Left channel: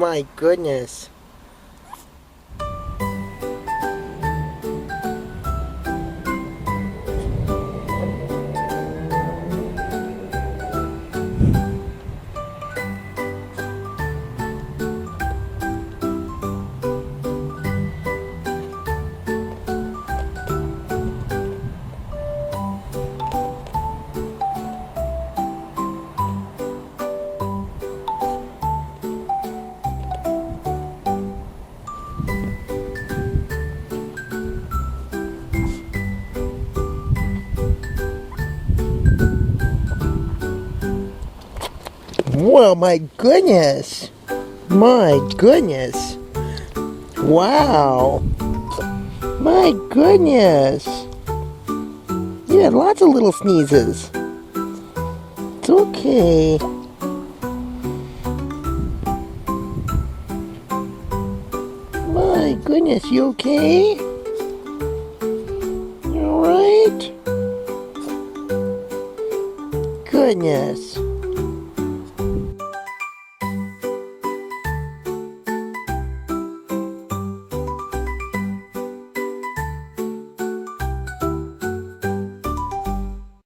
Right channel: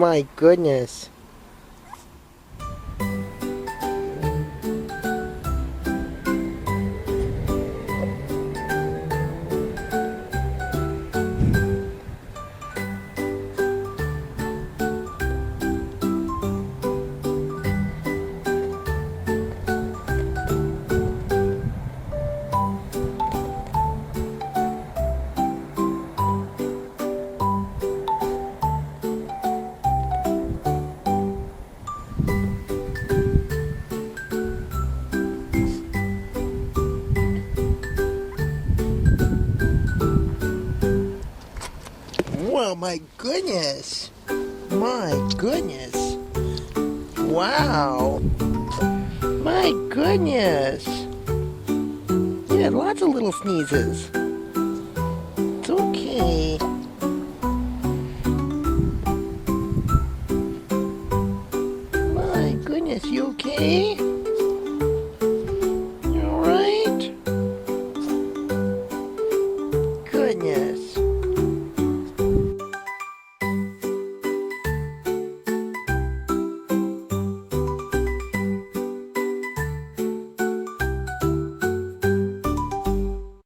My goodness. Well, my goodness. My goodness. Wow. My goodness. You had lots of little sneezes. It's okay. My goodness, you okay?